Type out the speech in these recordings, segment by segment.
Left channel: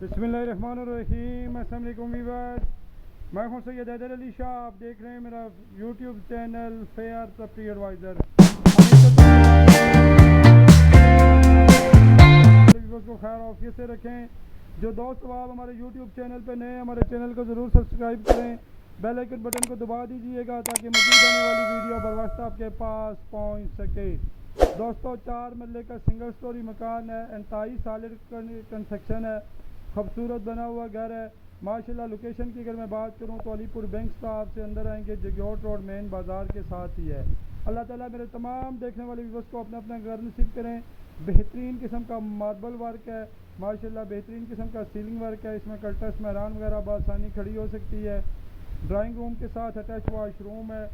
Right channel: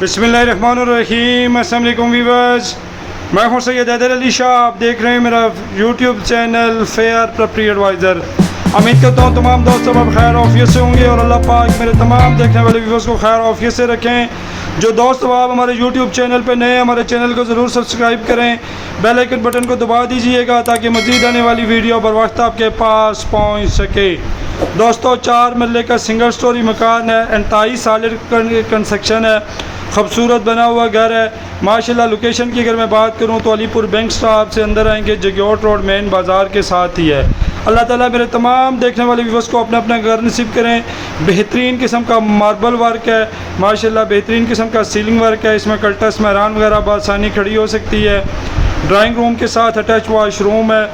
बिस्मिल्लाहिर्रहमानिर्रहीम। अस्सलाम वालेकुम व्यूअर्स, मैं हूं सैयद हैदर अली शाह। आप देख रहे हैं मेरा YouTube channel fair property advisor. उम्मीद करता हूं तमाम दोस्त सब खैर ऑफियत से होंगे और अल्लाह पाक मेरे तमाम देखने वाले व्यूअर्स को खैर ऑफियत से रखें। जो दोस्त आप हमारे यूट्यूब चैनल पर नए, हमारे चैनल को ज़रूर सब्सक्राइब करें, बेल आइकन बटन को दबा दीजिएगा ताकि मज़ीद आने वाली वीडियो बर वक्त आपके पास पहुंच सके। दोस्तों, 4 मरले का सिंगल स्टोरी मकान है, इंतहाई सॉलिड कंस्ट्रक्शन है, खूबसूरत बना हुआ घर है माशाल्लाह। लोकेशन की अगर मैं बात करूं तो अलीपुर बैंक स्टॉप से अंदर आएंगे, जगयोट रोड मेन बाज़ार के साथ ही है। अल्लाह ताला मेरे तमाम देखने वाले व्यूअर्स को अपना अपना घर नसीब करें। बेहतरीन किस्म का मार्बल वर्क है माशाल्लाह, बेहतरीन किस्म का सीलिंग वर्क है। इसमें कल्टस महरान वगैरह बआसानी खड़ी हो सकती है। ड्राइंग रूम के साथ अटैच वाशरूम है,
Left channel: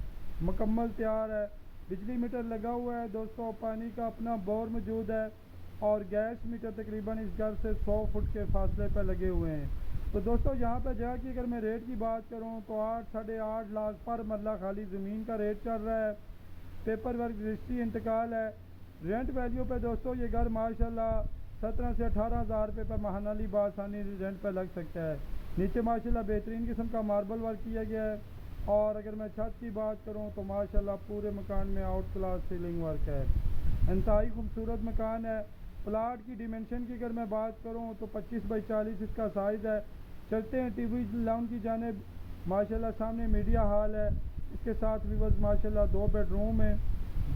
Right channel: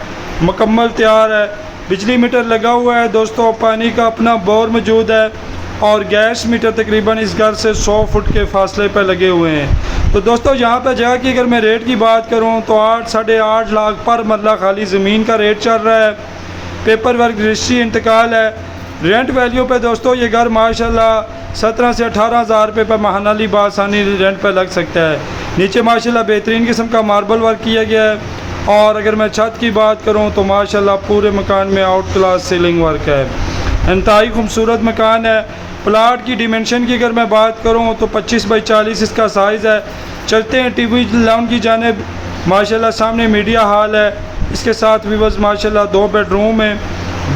मुकम्मल तैयार है। बिजली मीटर लगा हुआ है दोस्तों, पानी का अपना बोर मौजूद है और गैस मीटर तकरीबन इस घर से 100 फुट के फासले पर लगे हुए हैं। तो दोस्तों, यहाँ पर जगह की अगर मैं रेट की बात करूँ तो 8-8.5 लाख पर मरला खाली ज़मीन का रेट चल रहा है। पेपर वर्क रजिस्ट्री इंतकाल है। रेंट वैल्यू पे दोस्तों ये घर माशाल्लाह 17 से 18 हज़ार रुपये पर महानाली बासानी रेंट पर लग सकता है। नीचे माशाल्लाह बेहतरीन किस्म का मार्बल वर्क किया गया है और अगर मैं छत की बात करूँ तो माशाल्लाह पूरे मकान में आउट क्लास सीलिंग वर्क है। इंतहाई खूबसूरत मकान है। प्लाट की डिमेंशन की अगर मैं बात करूं तो 25 बाई 40 इसका साइज़ है। चलते हैं टीवी लॉन की जानिब। माशाल्लाह सामने मीडिया हॉल है, इसके साथ व्यूअर्स माशाल्लाह 2 बेडरूम है।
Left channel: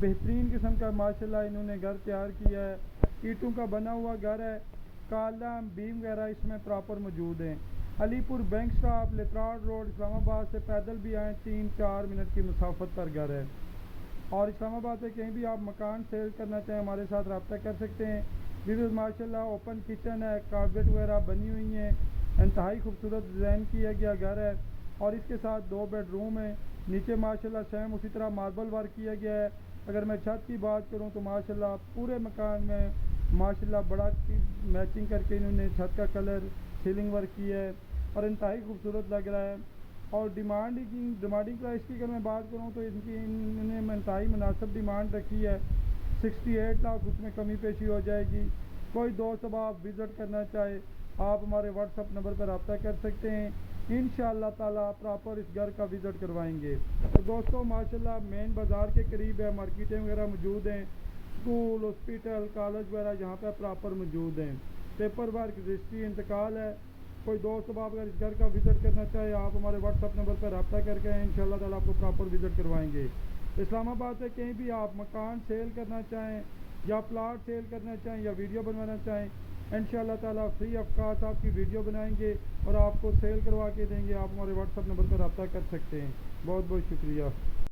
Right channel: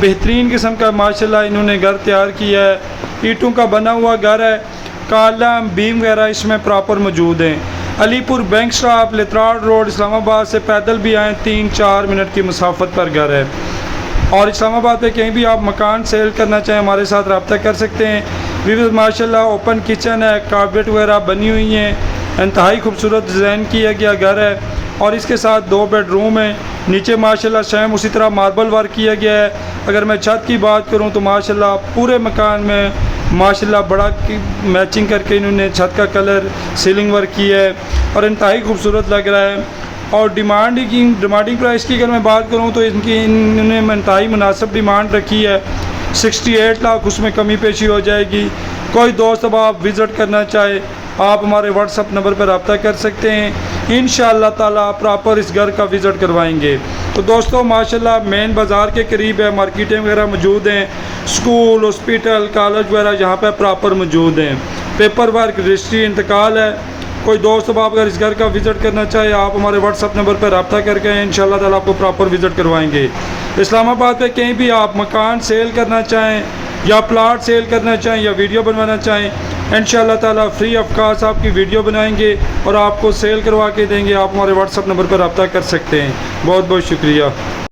बेहतरीन किस्म का माशाल्लाह इन्होंने घर तैयार किया है। ईंटों का बना हुआ घर है, कॉलम बीम वगैरह इसमें प्रॉपर मौजूद हैं। Alipur bank stop Lehtrar road Islamabad से पैदल भी आएँ 3-4 मिनट की मुसाफत पर घर है। और इस्लामाबाद पे कहीं भी आप मकान सेल करना चाहें हमारे साथ रब्ता कर सकते हैं। व्यूअर्स माशाल्लाह ओपन किचन है, कारपेट वगैरह बनी हुई हैं। इंतहाई खूबसूरत डिज़ाइन किया गया घर है और इसके साथ 2 बेडरूम हैं। नीचे माशाल्लाह सेम उसी तरह मार्बल वर्क किया गया है। अगर मैं छत की बात करूं तो माशाल्लाह पूरे मकान में माशाल्लाह बड़ा मैचिंग करके इन्होंने छत का कलर सीलिंग वर्क किया है और इंतहाई खूबसूरत लग रहा है। और डिमांडिंग प्राइस की अगर मैं बात करूं तो इन्होंने इंतहाई मुनासिब डिमांड रखी है। 68 लाख, उसमें कमी पेशी हो जाएगी। कोई दोस्त अब आप विज़िट करना चाहे आप हमारे व्हाट्सअप नंबर पर रब्ता कर सकते हैं। इंशाअल्लाह ताला प्रॉपर इस घर का विज़िट करवाएंगे। तो दोस्तों माशाल्लाह मेन बाज़ार के करीब है, मार्केटें वगैरह मौजूद हैं, स्कूल हॉस्पिटल कॉलेज वगैरह यहाँ पर प्रॉपर मौजूद हैं। पेपर वर्क रजिस्ट्री इंतकाल है। कोई दोस्त अब आप अगर इस घर का विज़िट करना चाहे आप हमारे व्हाट्सअप नंबर पर रब्ता करके इंशाअल्लाह ताला आपको प्रॉपर विज़िट करवाएंगे। इस्लामाबाद में कहीं भी आप मकान सेल करना चाहें या प्लाट सेल करना चाहें या वीडियो बनवाना चाहें इंशाअल्लाह ताला फ्री ऑफ कॉस्ट आपकी वीडियो बनाएंगे और आपको सेल करवा के देंगे। आप हमारे व्हाट्सअप नंबर पर रब्ता कर सकते हैं। बहुत बहुत शुक्रिया।